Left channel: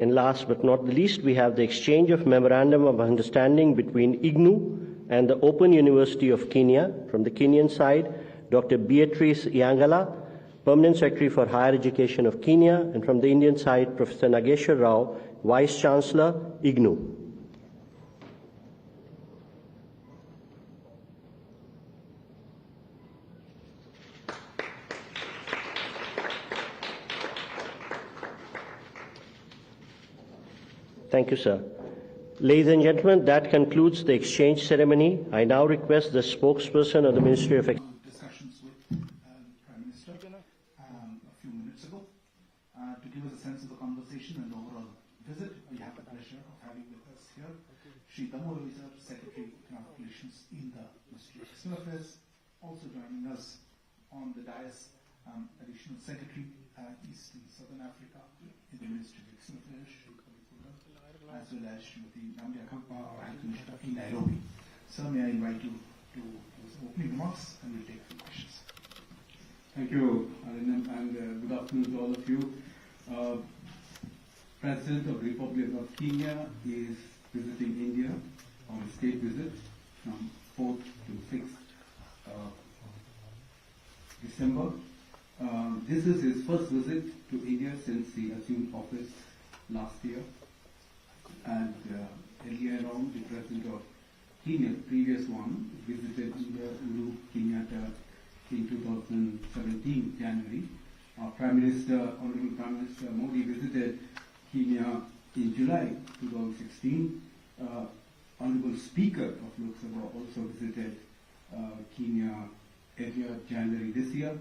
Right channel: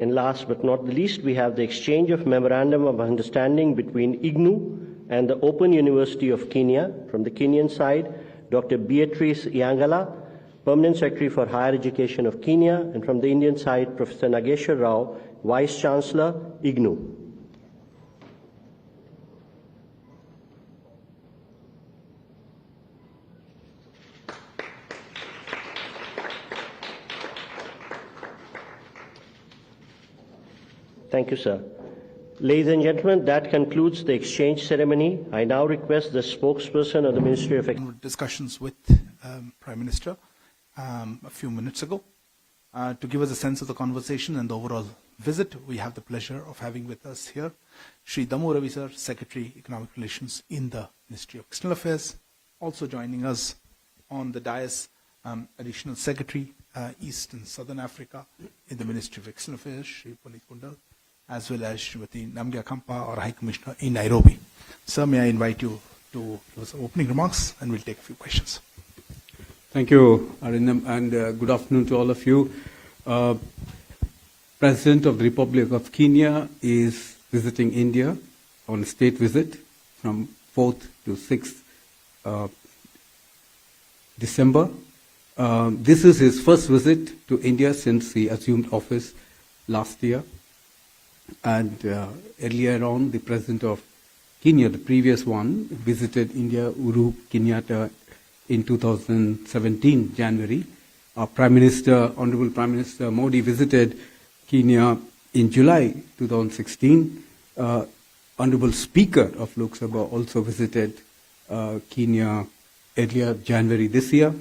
And last but not the least, we have the exchange of Memorandum of Understanding between IGNU and the Open University of Kenya. From the Kenyan side, Dr. Beatrice Yangala, Permanent Secretary for Higher Education of Kenya, and from the Indian side, Professor Nageshwar Rao, Vice Chancellor, IGNU. Thank you, sir. Ladies and gentlemen, that concludes the exchange ceremony. I now request the spokesperson of the Ministry of discussions with Prime Minister a few minutes ago to give us a sense of the conversation and the overall visit. We have the pleasure of having with us here Shri Dammu Ravi sir, Secretary Economic Relations in the Ministry of External Affairs. Also joining us on the dais, Additional Secretary East and Southern Africa in the Ministry of External Affairs, Shri Puneet Kundal, as well as Shrimati Namgya Khampa, or High Commissioner in Nairobi. Sir, may I invite you to give some opening remarks, and we'll take a few questions. Thank you, Arindam, and good afternoon to all of you. President of the Republic of Kenya is visiting India on a state visit from 4th to 6th December. This is his first visit to India since he assumed office last year. And earlier on, the President of Kenya, the previous one, visited India, Uhuru Kenyatta, in 2017, January. Our Prime Minister, Honorable Prime Minister Modi, visited Kenya in July 2016. Honorable Speaker of Lok Sabha also visited Kenya earlier January this year.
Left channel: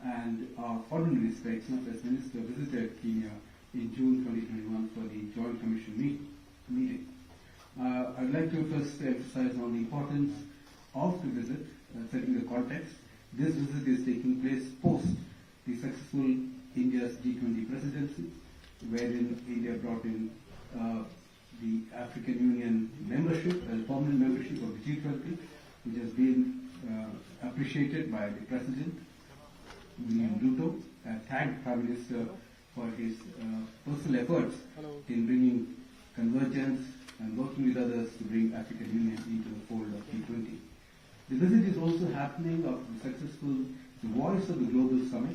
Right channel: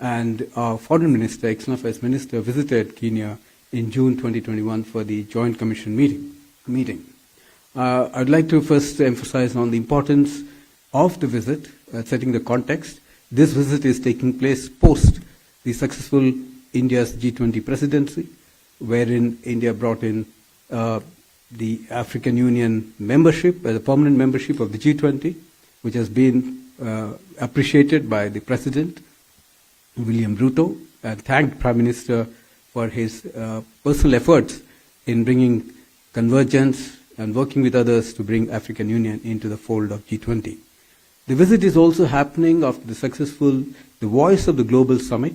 And our Foreign Minister, External Affairs Minister, visited Kenya in June 2021 for the Joint Commission meeting. I'd like to first emphasize on the importance of the visit, setting the context. This visit is taking place post the successful India's G20 presidency, wherein India brought in the African Union membership, the permanent membership of the G20, which has been appreciated by the President, William Ruto, and thanked Prime Minister for his personal efforts in bringing convergence and working with others to bring African Union into the fold of G20. The visit is also happening after the Voice of the Global Summit,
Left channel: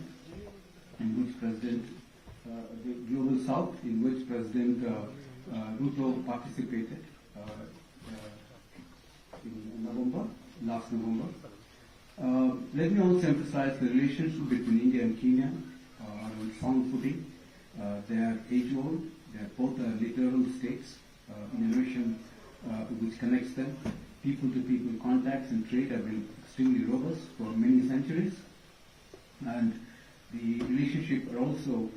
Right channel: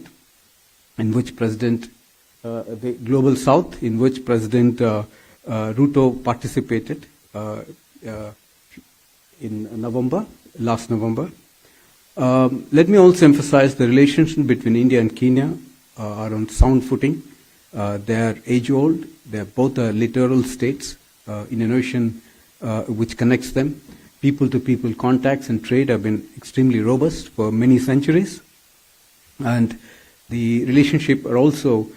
in which the Global South, in which President Ruto participated in last November. Let me also emphasize the relationship between India and Kenya are on sound footing. They are age-old. They are both littoral states in an ocean which connects them. People-to-people contacts and trade have been extremely robust for many centuries. And the relationship are also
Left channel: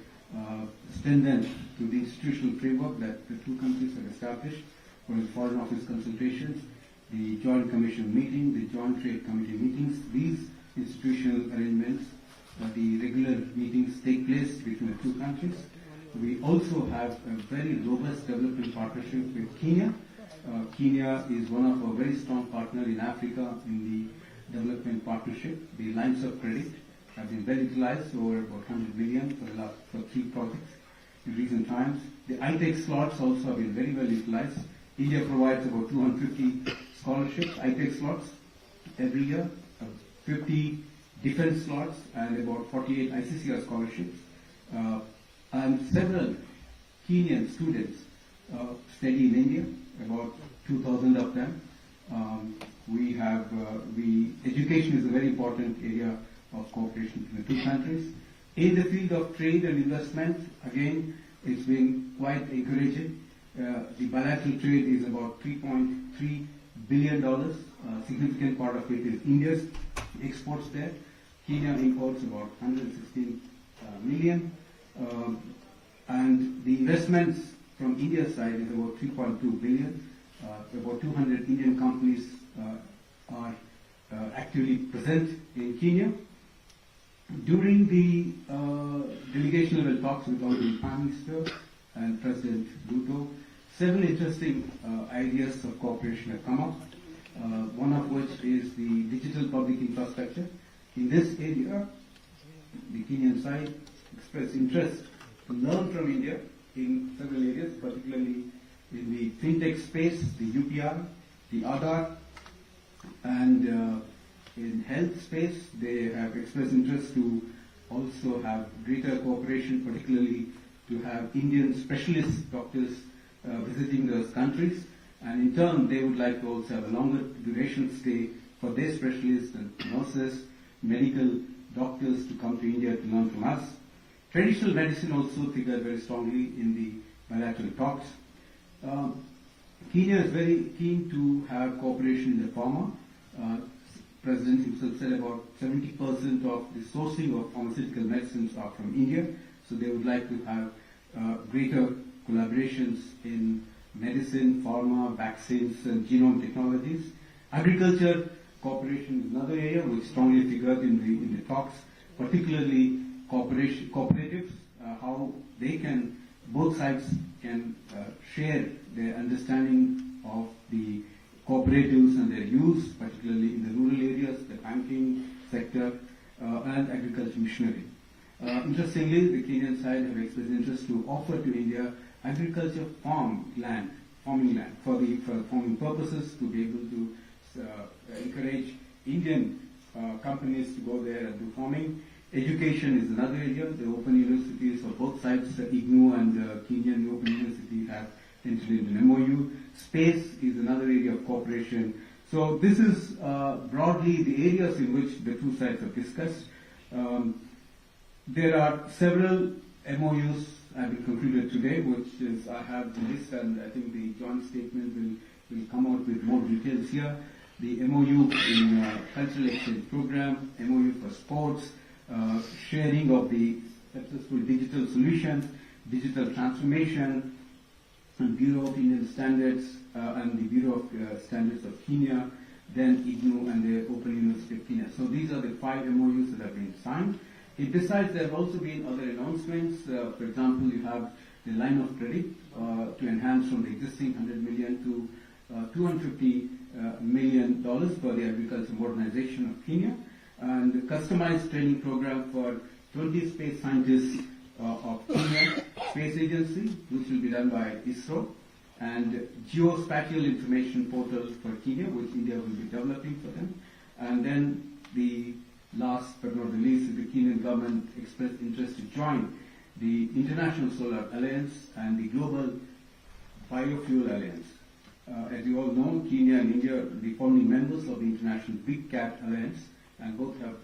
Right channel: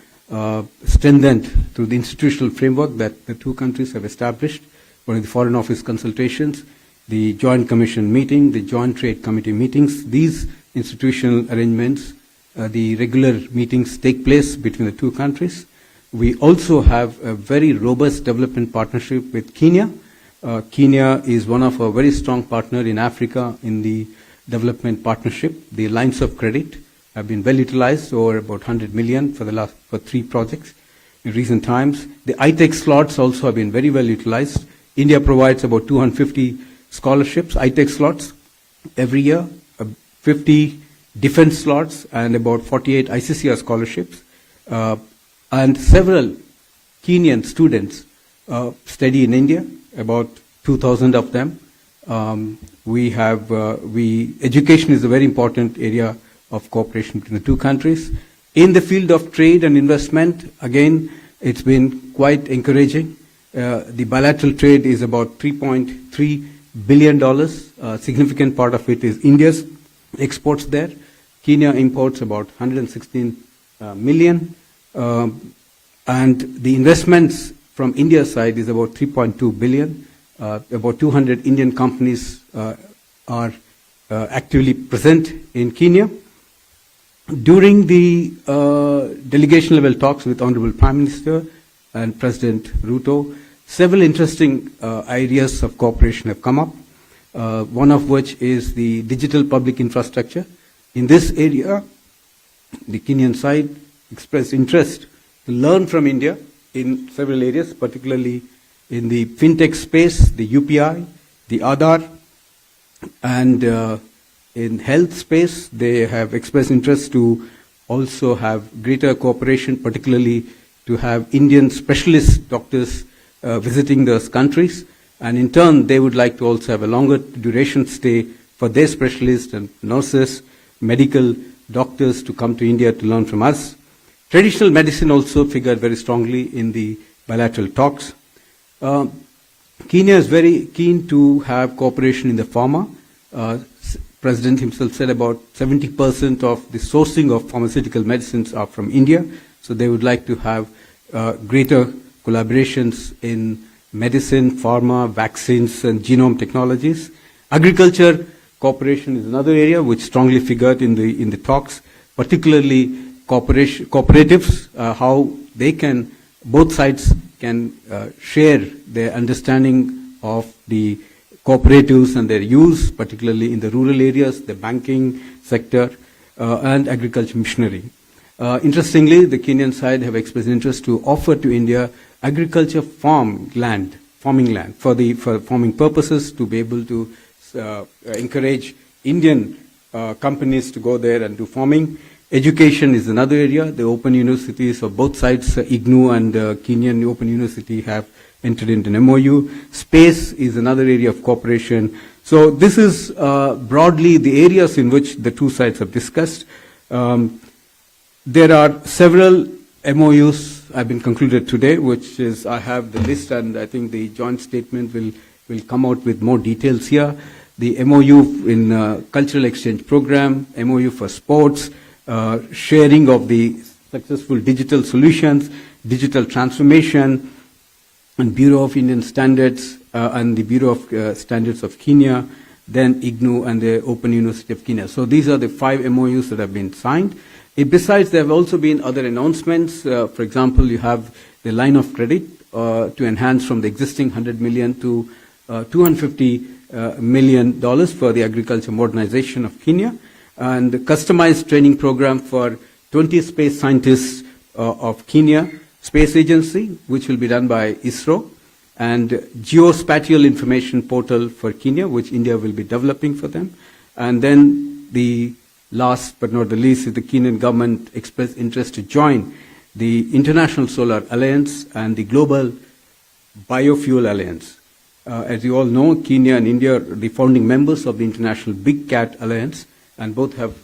strengthened through the institutional framework that the two countries have established, for the Foreign Office consultations, the Joint Commission meeting, the Joint Trade Committee meetings. These institutional arrangements, the regular meetings take place between the two countries. We also have a very robust development partnership with Kenya. Kenya is one of our very strong partners in Africa in the development partnership. The lines of credit have been well utilized, over about 100 million for 3 projects in recent times. The ITEC slots also have been very well utilized. India provides about 250 scholarships, ITEC slots, every year, 50 defense slots, and about 48 ICCR scholarships. And several Kenyan students study in India, about 2,000 of them. Education is a very important area of cooperation between the two countries. In the field of trade and investment, again, it's been quite encouraging. The bilateral trade is about $3.3 billion. A significant part of it is India's exports there. Kenya imports about 116 million. And the investments from India's side is about 3.2 billion. About 200 Indian companies are actively present in Kenya. During the delegation level talks with Honorable Prime Minister and President Ruto, several interesting areas of cooperation have come up, one of which is the digital public infrastructure. In this area, the Kenyan side expressed interest to learn from India in several areas, particularly in the fintech space, the UPI, the Aadhaar, and in health space, they have expressed interest to also have greater cooperation, particularly to have Indian specialist doctors visiting those countries. And in turn, they would like to also have a longer duration stay for their specialists and nurses, medical doctors to come to India to learn from us. Traditional medicine also figured very strongly in the bilateral talks. Kenya is very keen to have cooperation in the pharma. President himself said about 70% of the sourcing of pharmaceutical medicines are from India, so they would like to have greater collaborations in medicine, pharma, vaccines, and genome technologies. Agriculture cooperation is another area which strongly figured in the talks, particularly cooperatives, how they can, both sides can share their understanding of the cooperatives and their use, particularly in the rural areas, the banking sector, and agriculture machinery. Interestingly, the Kenyan side have expressed interest to offer to India agriculture farming land for farming purposes, to be able to encourage Indian companies to go there and do farming. Education is another area. The open universities of both sides, IGNU and Kenyan Open University, have entered into an MOU. Space is another area of cooperation. So this is broadly the areas in which the two sides have discussed. There are several MOUs have been concluded today, which is, I have the list, and I think the joint statement will come out with more details here. The MOU in cultural exchange program, MOU for sports, sharing of the successful digital solutions, digital transformation, and Bureau of Indian Standards and the Bureau of Standards of Kenya, then IGNU and the Open University of Kenya. So these are the 5 MOUs that have been signed. Besides, there have also been other announcements. For example, you have the line of credit to enhance from the existing $100 million to $250 million for the agriculture modernization of Kenya, and the customized training program for 20 space scientists of Kenya Space Agency, which will be done by ISRO, and geospatial information portal for Kenya, which India will be developing for them. And then the last but not the least is the Kenyan government expressed interest to join the International Solar Alliance and the Global Biofuel Alliance. As you all know, Kenya and India are the founding members of the International Big Cat Alliance, and both have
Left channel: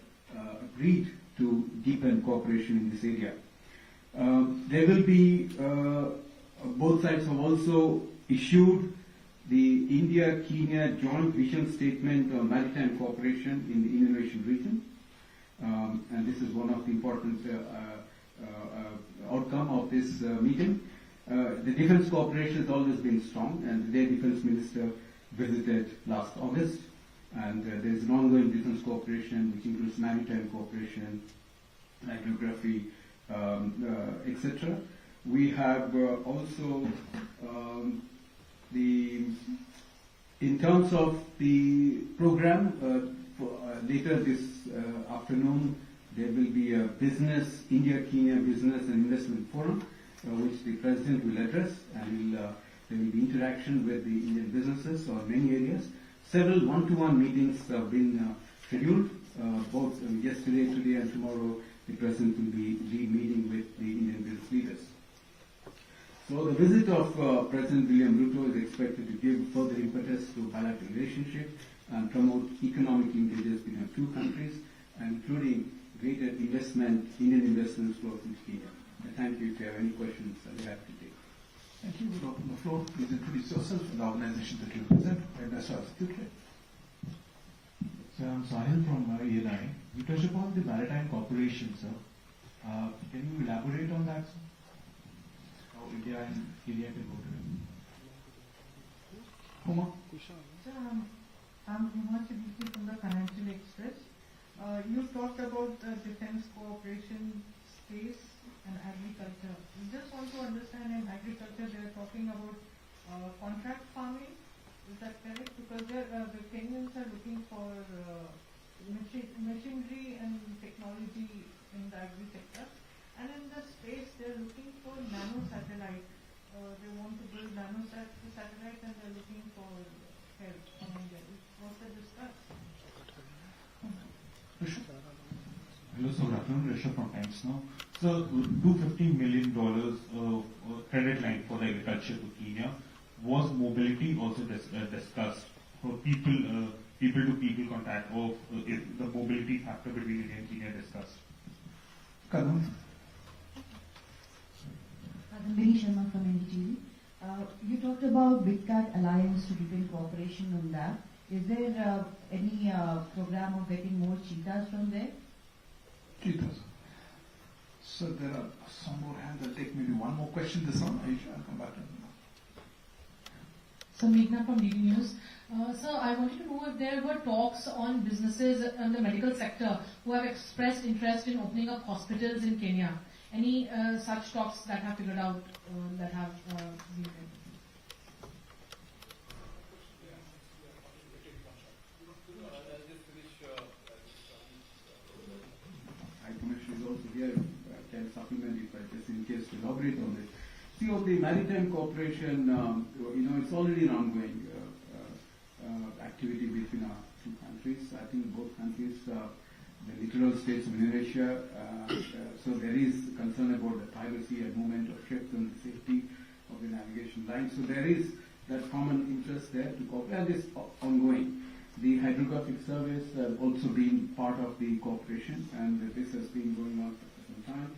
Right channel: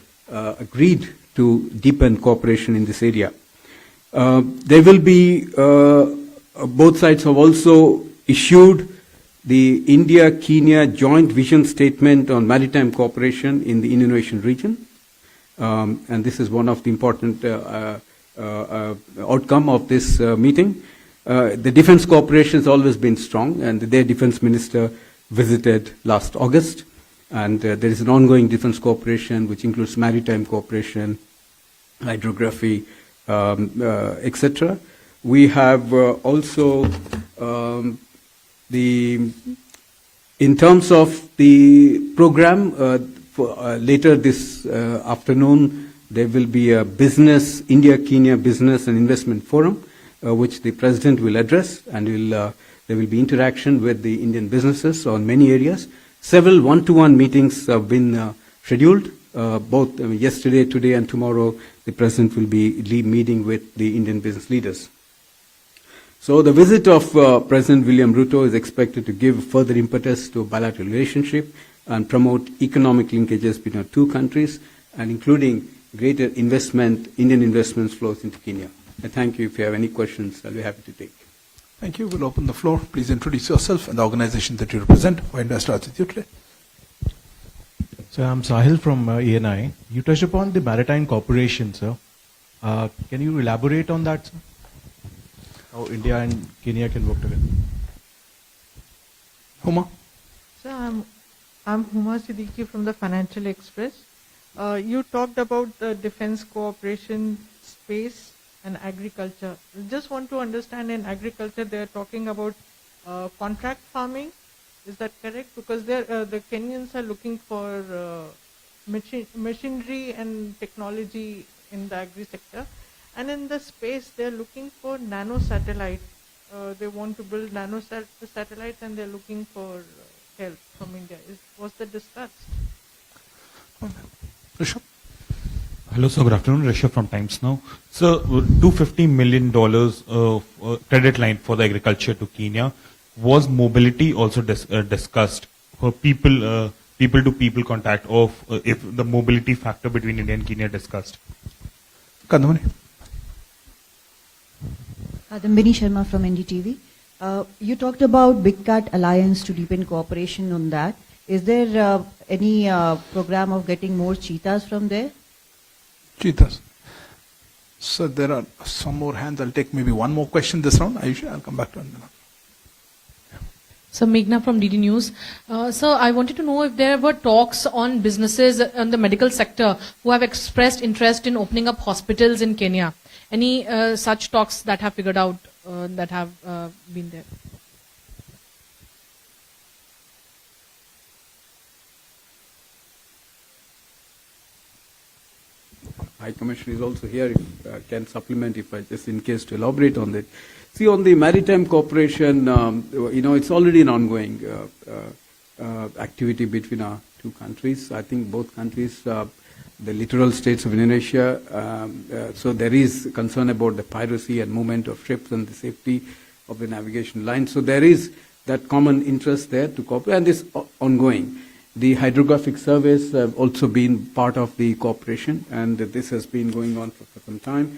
agreed to deepen cooperation in this area. There will be, both sides have also issued the India-Kenya Joint Vision Statement on Maritime Cooperation in the Indian Ocean region. And this is one of the important outcome of this meeting. The defense cooperation has always been strong, and their defense minister visited last August. And there is an ongoing defense cooperation which includes maritime cooperation, hydrography, etc. We have also in terms of the program, later this afternoon, there will be a India-Kenya Business and Investment Forum, which the President will address, and there will be interaction with the Indian businesses on many areas. Several one-to-one meetings have been scheduled, both yesterday, today, and tomorrow. The President will be meeting with the Indian business leaders. So the visit of President William Ruto is expected to give further impetus to bilateral relationship and promote economic linkages between our two countries, and including greater Indian investments flows into Kenya. I thank you. If you have any questions, I'll be happy to take. Thank you. We'll open the floor. Please introduce yourself and the organization that you represent. Why don't I start with you today? So I'm Sahil from ENI. You touched upon the maritime cooperation, sir. Can you elaborate on that, sir? How India and Kenya can work together? Huma? So I'm Huma Siddiqui from the Financial Express. You talked about the defense cooperation, space, and agriculture. I just want to understand, in agriculture they are talking about contract farming. Is that correct? Because the Kenyans are looking for machinery and technology in the agri sector. And in the space, they're looking for nano satellite. They want to build nano satellites, and they're looking for help from India. Was that discussed? Rishabh? Hello, sir. Good afternoon. Rishabh from Times Now. So, $250 million credit line for the agriculture to Kenya. Was mobility also discussed for people-to-people contact, of if the mobility factor between India and Kenya discussed? Kandamani? Dambini Sharma from NDTV. You talked about Big Cat Alliance to deepen cooperation on that. Is there any program of getting more cheetahs from there? Cheetahs. So there are some more hands. I'll take maybe one more question this round. Ayushi, I'll come back to Anjana. So Meghna from DD News. So I wanted to know if there were talks on businesses in the medical sector who have expressed interest in opening up hospitals in Kenya. Any such talks that have figured out that have been there? High Commissioner is also here, if I can supplement, if I just in case to elaborate on that. See, on the maritime cooperation, it's already an ongoing activity between our two countries. I think both countries, the littoral states of Indonesia, so there is concern about the piracy and movement of ships and the safety of the navigation line. So there is that common interest there to cooperate, and this ongoing. The hydrographic surveys have also been part of the cooperation, and this has been going on for some time.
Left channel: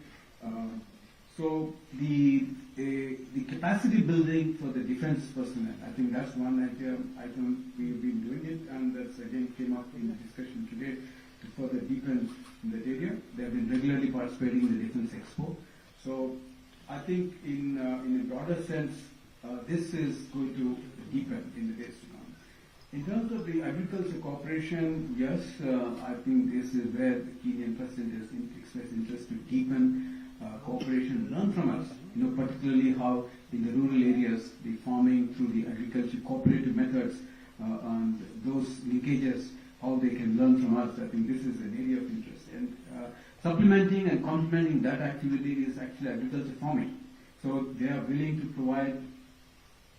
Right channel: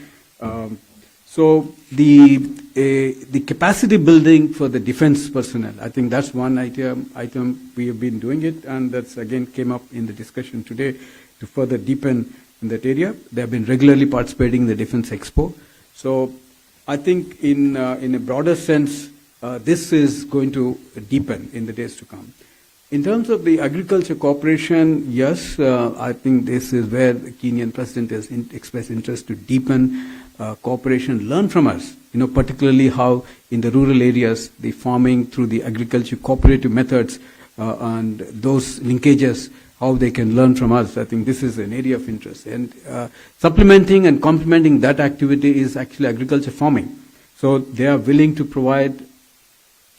So the capacity building for the defense personnel, I think that's one item we have been doing it, and that's again came up in the discussion today to further deepen in that area. They have been regularly participating in the Defense Expo. So I think in a broader sense, this is going to deepen in the days to come. In terms of the agriculture cooperation, yes, I think this is where the Kenyan president has expressed interest to deepen cooperation, learn from us, particularly how in the rural areas, the farming through the agriculture cooperative methods and those linkages, how they can learn from us. I think this is an area of interest. And supplementing and complementing that activity is actually agriculture farming. So they are willing to provide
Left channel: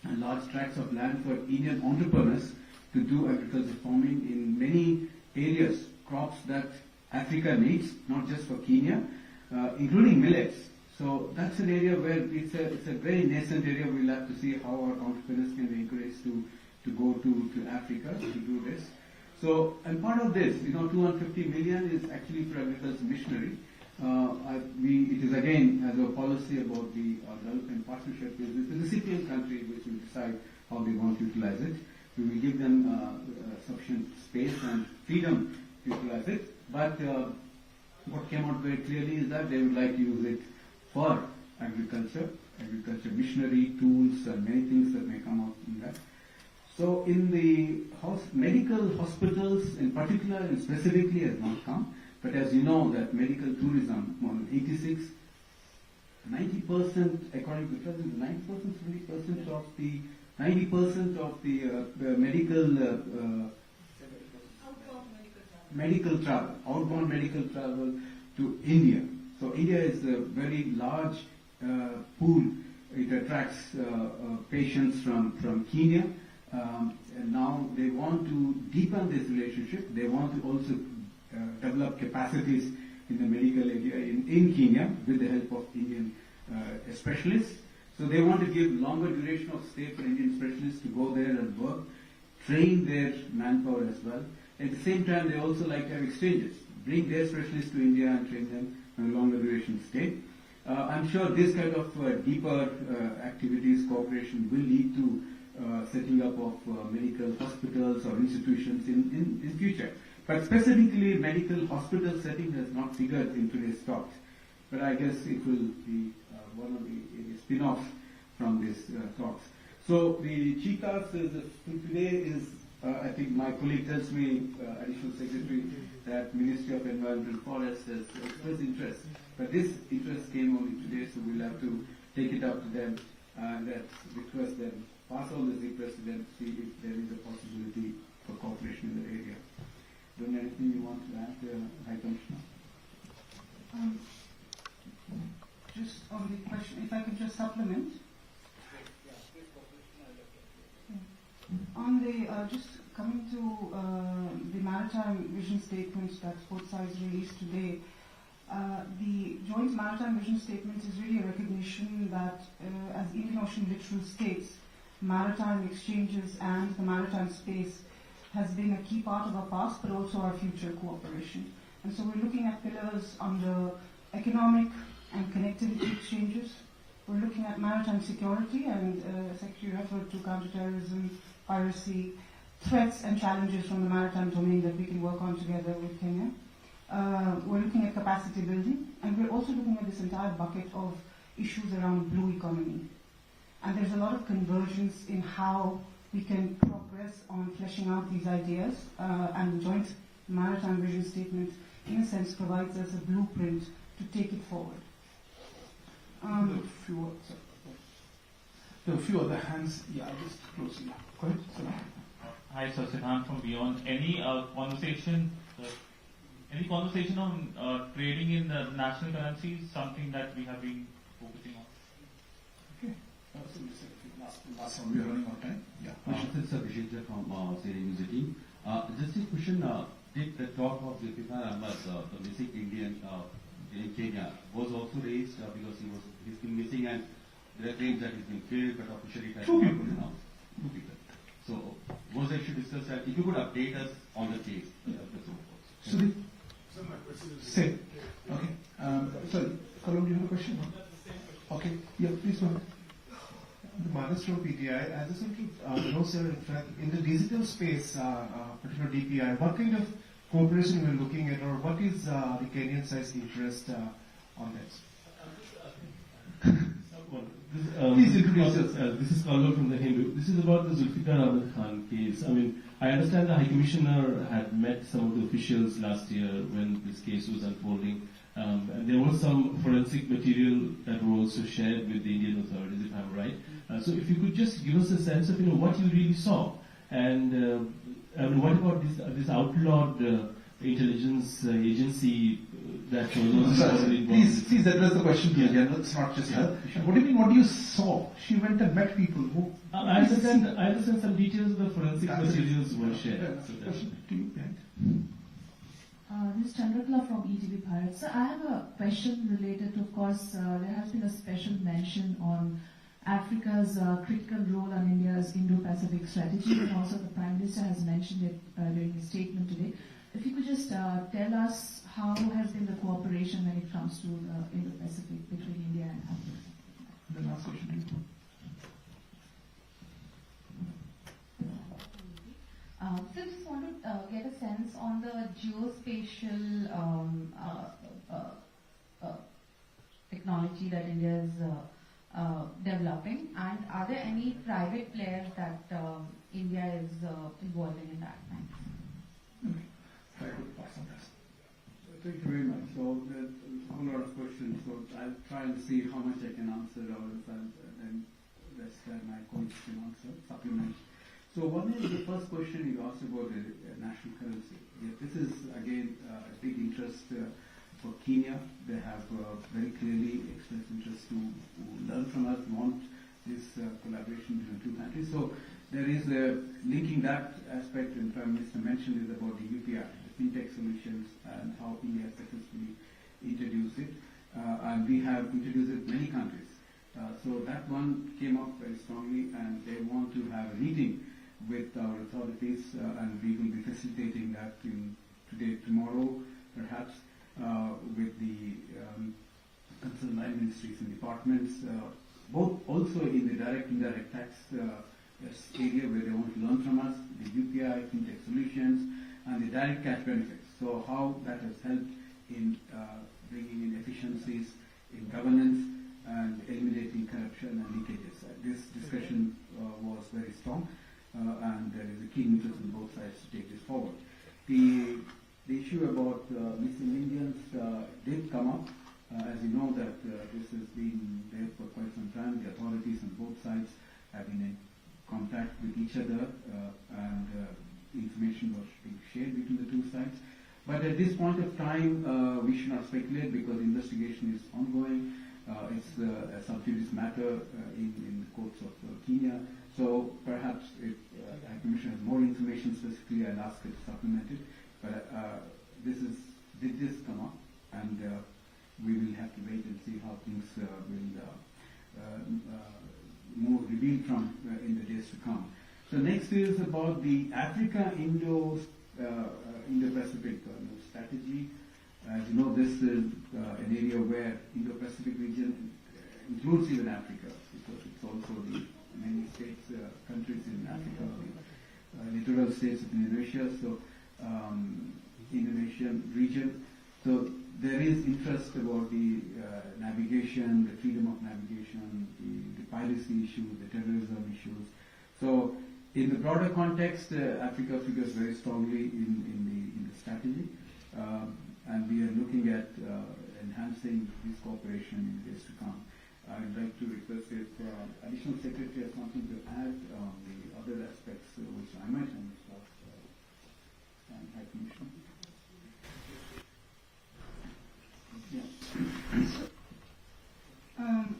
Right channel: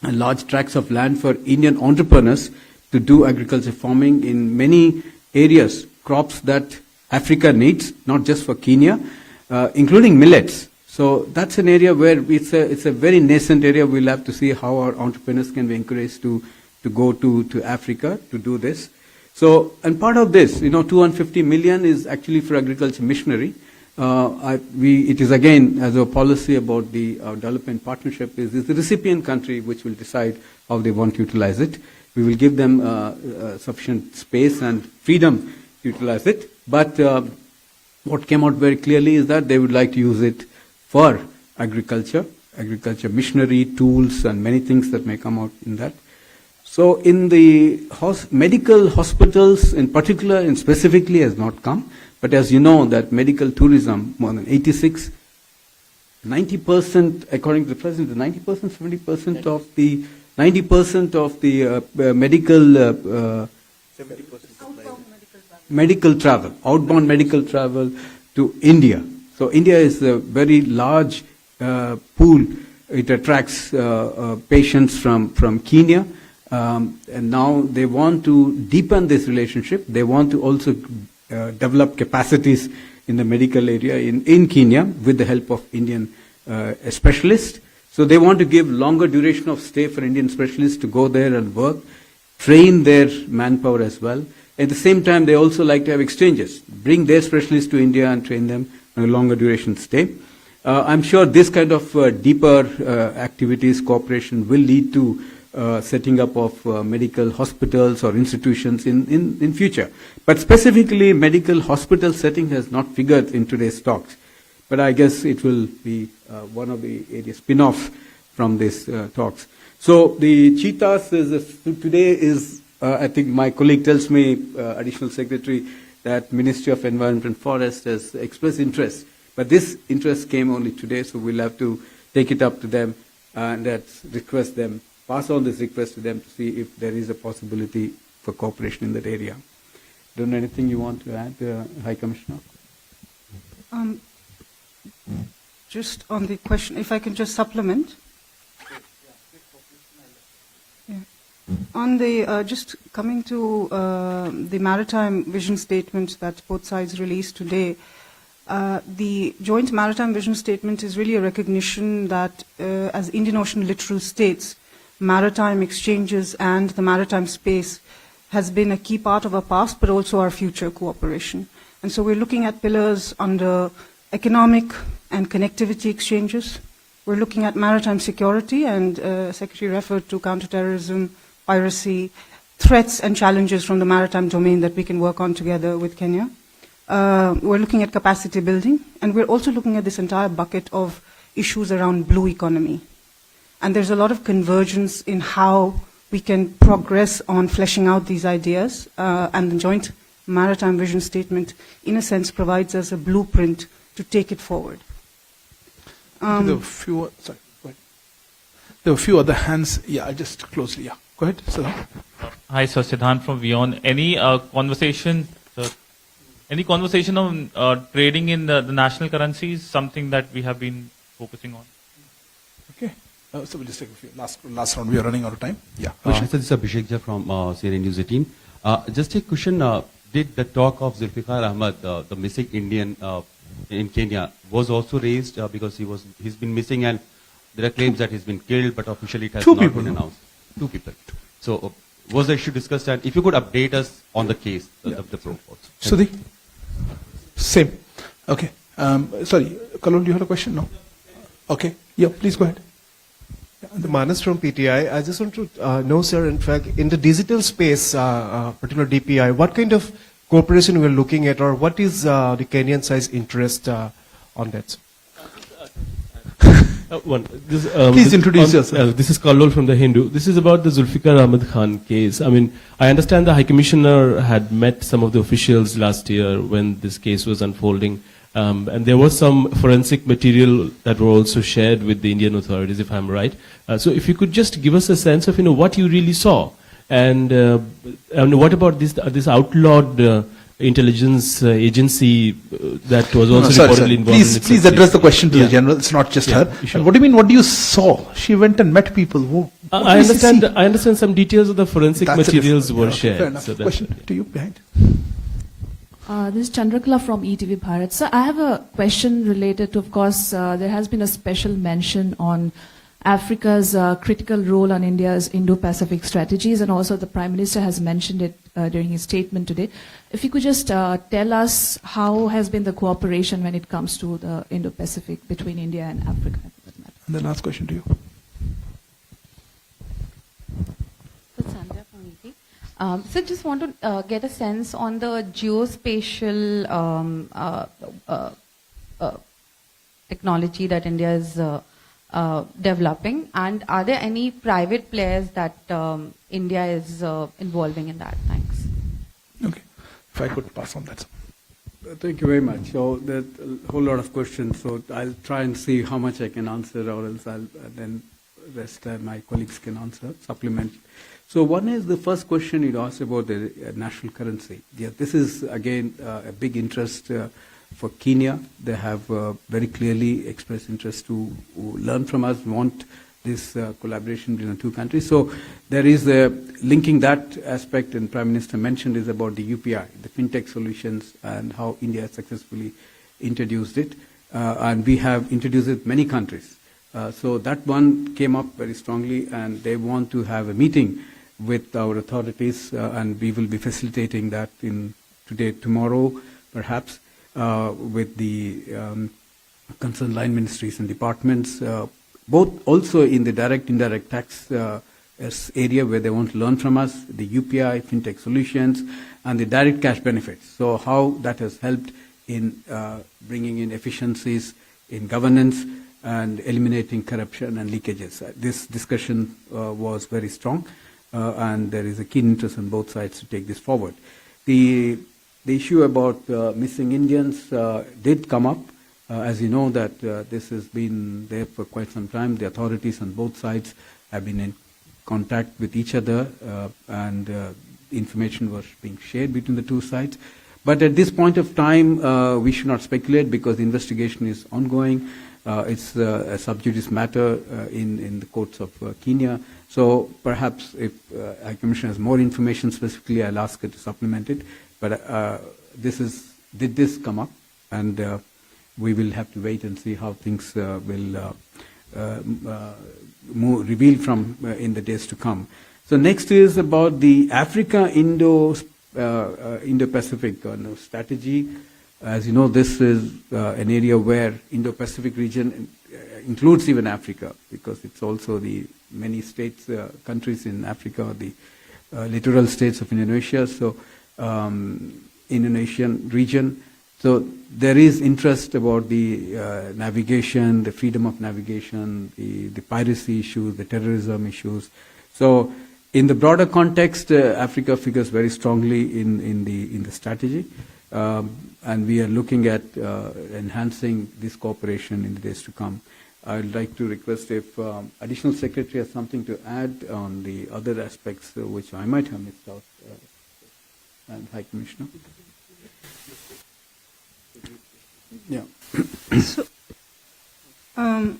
large tracts of land for Indian entrepreneurs to do agriculture farming in many areas, crops that Africa needs, not just for Kenya, including millets. So that's an area where it's a very nascent area. We'll have to see how our entrepreneurs can be encouraged to go to Africa to do this. So, and part of this, 250 million is actually for agriculture missionary. It is again, as a policy about the development partnership, is the recipient country which will decide how they want to utilize it. We will give them sufficient space and freedom to utilize it. But what came out very clearly is that they would like to use it for agriculture missionary tools and many things that may come out in that. So in the medical hospitals in particular and specifically has not come. But as you know, that medical tourism, more than 90%, according to the president, 90%, 70% of the 90% of the medical travel, outbound medical travel to India. So India is a very large pool. It attracts patients from Kenya. And now they want to deepen this relationship. They want to also develop capacities in the medical area in Kenya with the help of Indian specialists. So they want to give longer duration of stay for Indian specialists to go there and work, train their manpower as well. At the same time, they also like to have exchanges, bring their specialists to India and train them on a longer duration stay. I'm sure this kind of deeper activities, cooperation will lead to setting up of medical hospitals or institutions in future. But specifically, medical hospital setting has not figured in today's talks. But I guess it will be one of the areas spin-off from these talks. So the cheetahs today is, I think my colleague tells me, Additional Secretary, that Ministry of Environment and Forest has expressed interest. But this interest came only today, so we'll have to take it up to them and request them, pass on this request to them to see if there is a possibility for cooperation in that area. Don't know anything you want to add, High Commissioner? Just on the question, if I can just supplement. Yeah. On the, just coming to the maritime vision statement that both sides released today, the joint maritime vision statement is really a recognition that as Indian Ocean littoral states, maritime exchanges and the maritime space has been a key part of our past, but also our future cooperation. And so we're looking at pillars under economic and connectivity exchanges. We're looking at maritime security, and Secretary referred to counterterrorism, piracy, threats and challenges from the maritime domain that we can work on together with Kenya. We're looking at capacity building, and we're also looking at this entire bucket of issues around blue economy. And there's a lot of convergence in how we can progress on fleshing out these ideas, and the joint maritime vision statement, in a sense, provides us a blueprint to take it forward. There were a few other hands. Yeah, just closely. Yeah, go ahead, Siddharth. Hi, sir. Siddharth from Vion. Any conversation on trading in the national currencies? Something that we have been focusing on. Okay. So we'll just take a few last round. We are running out of time. Yeah. So this is Abhishek from CNN News 18. Just a question. Did the talk of Zulfikar Ahmed, the missing Indian in Kenya, was also raised because he's been missing, and there are claims that he's been killed, but officially it has not been announced. 2 people. So was the issue discussed? And if you could update us on the case, the probe also. Sudhi? Same. Okay. Sorry, Kalon, do you have a question? No? Okay. Yeah, please go ahead. The Manas from PTI. I just want to know, sir, in fact, in the digital space, particular DPI, what kind of cooperation we're looking at, or what is the Kenyan side's interest on that? Please introduce yourself. This is Kundal from the Hindu. This is about the Zulfikar Ahmed Khan case. I mean, I understand the High Commissioner had met some of the officials last year when this case was unfolding. And there was some forensic material that were also shared with the Indian authorities, if I'm right. So if you could just give us a sense of, what you really saw. And what about this outlawed intelligence agency that was also reportedly involved? Please address the question to the General. It's not just her. Sure. What do you mean, what do you saw? She went and met people. I understand some details of the forensic materials were shared. Fair enough. So question to you behind. This is Chandrakala from ETV Bharat. So I have a question related to, of course, there has been a special mention on Africa's critical role on India's Indo-Pacific strategies, and also the Prime Minister has mentioned it during his statement today. If you could just tell us how has been the cooperation when it comes to the Indo-Pacific between India and Africa. And the last question to you. So just want to get a sense on the geospatial technology that India is developing, and are there any private players that India is involving in that? Thanks. Okay. If I could pass on that. Thank you very much. So there's a whole lot of questions, so I'll try and see how much I can answer, or else I'll then rest my colleagues can answer, supplement. So one is the first question you asked about the national currency. Yeah, this is again a big interest for Kenya. They have very clearly expressed interest to learn from us, want this collaboration between the two countries. So there is linking that aspect, and Prime Minister mentioned, is about the UPI, the fintech solutions, and how India has successfully introduced it. And we have introduced it in many countries. So that one came up very strongly, and they want to have a meeting with our authorities, and we will be facilitating that tomorrow, perhaps, with the concerned line ministries and departments, both also in the direct, indirect tax area where they want to learn from us, the UPI, fintech solutions, and the direct cash benefits. So how that has helped in bringing in efficiencies in governance and eliminating corruption and leakages. This discussion was very strong. And there is a keen interest on both sides to take this forward. The issue about missing Indians did come up. As you know, that this has been there for quite some time. The authorities on both sides have been in contact with each other, and information was being shared between the two sides. But at this point of time, we should not speculate because the investigation is ongoing. It's a sub judice matter in the courts of Kenya. So perhaps if High Commissioner has more information specifically, I'll ask her to supplement it. But did this come up? And we will have to wait and see how things will reveal from in the days to come. So next is about the Indo-Pacific strategy. As you know, this is an area where Indo-Pacific region includes even Africa, because it's also the many states, countries in Africa, the littoral states of Indonesia, so Indonesian region. So there is interest about the navigation, the freedom of navigation, the piracy issues, the terrorism issues. So in the broader context, Africa figures very strongly in the strategy. And we are looking at enhancing this cooperation in the days to come. I would like to request if Additional Secretary has something to add on the other aspects which I might have missed out, and High Commissioner. Yeah. So, on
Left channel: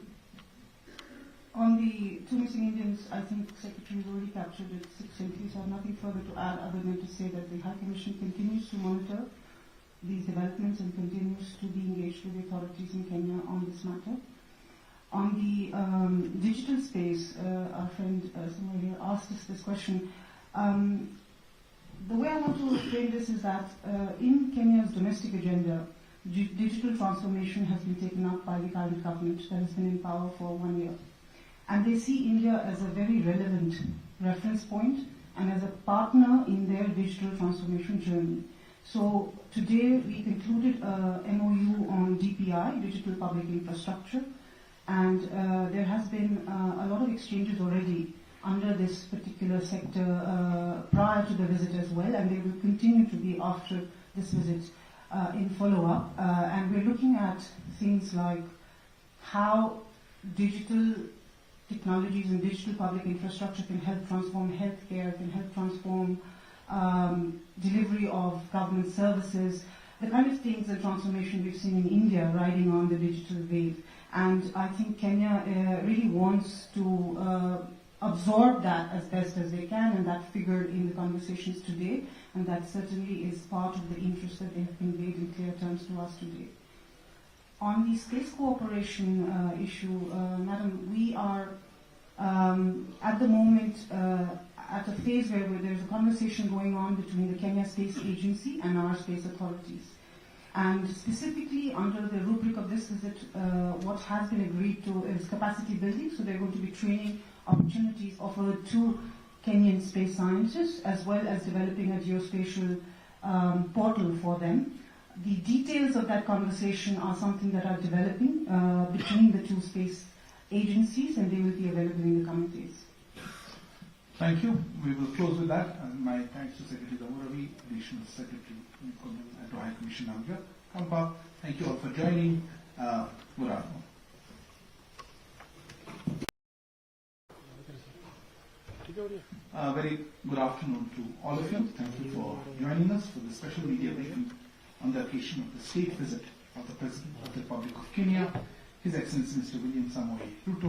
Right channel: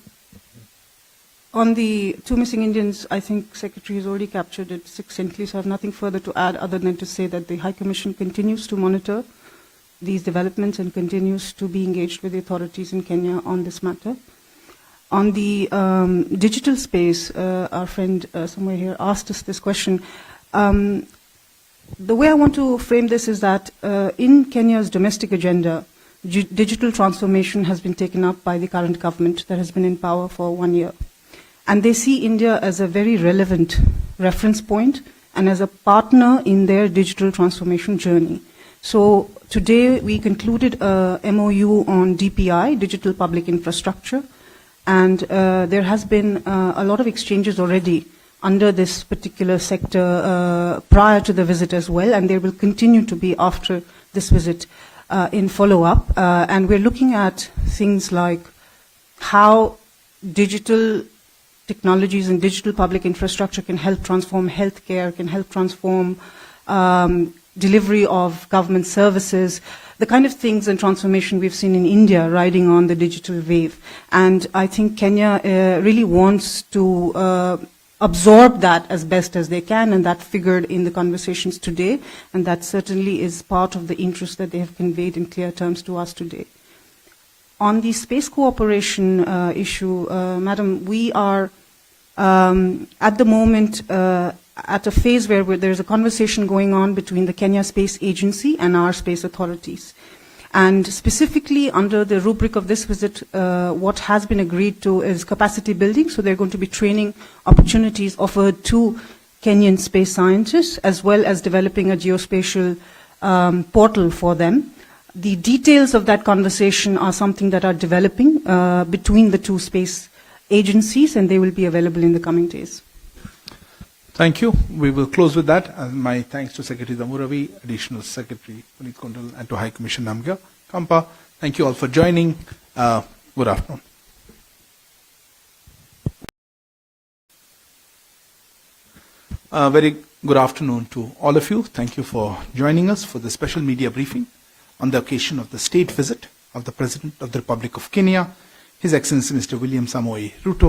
the two missing Indians, I think Secretary has already captured it succinctly, so I have nothing further to add other than to say that the High Commission continues to monitor these developments and continues to be engaged with the authorities in Kenya on this matter. On the digital space, our friend somewhere here asked us this question. The way I want to frame this is that in Kenya's domestic agenda, digital transformation has been taken up by the current government that has been in power for 1 year. And they see India as a very relevant reference point and as a partner in their digital transformation journey. So today we concluded a MOU on DPI, Digital Public Infrastructure, and there has been a lot of exchanges already under this particular sector prior to the visit as well, and there will continue to be after this visit in follow-up. And we're looking at things like how digital technologies and digital public infrastructure can help transform healthcare, can help transform delivery of government services, the kind of things and transformation we've seen in India riding on the digital wave. And I think Kenya really wants to absorb that as best as they can, and that figured in the conversations today, and that certainly is part of the interest that they have conveyed in clear terms to us today. On the space cooperation issue, Madam, we are at the moment at a phase where there's a conversation going on between the Kenya Space Agency and our space authorities. And specifically under the rubric of this visit, what has been agreed to is capacity building. So there are going to be training opportunities offered to Kenyan space scientists, as well as developing a geospatial portal for them. The details of that conversation are something that are developing between the two space agencies, and they will be available in the coming days. Thank you. We will close with that. And my thanks to Secretary Dammu, Ravi, Additional Secretary Puneet, Kundal, and to High Commission Namgya, Khampa. Thank you all for joining. Good afternoon. Very good afternoon to all of you. Thank you for joining us for the special media briefing on the occasion of the state visit of the President of the Republic of Kenya, His Excellency Mr. William Samoei Ruto.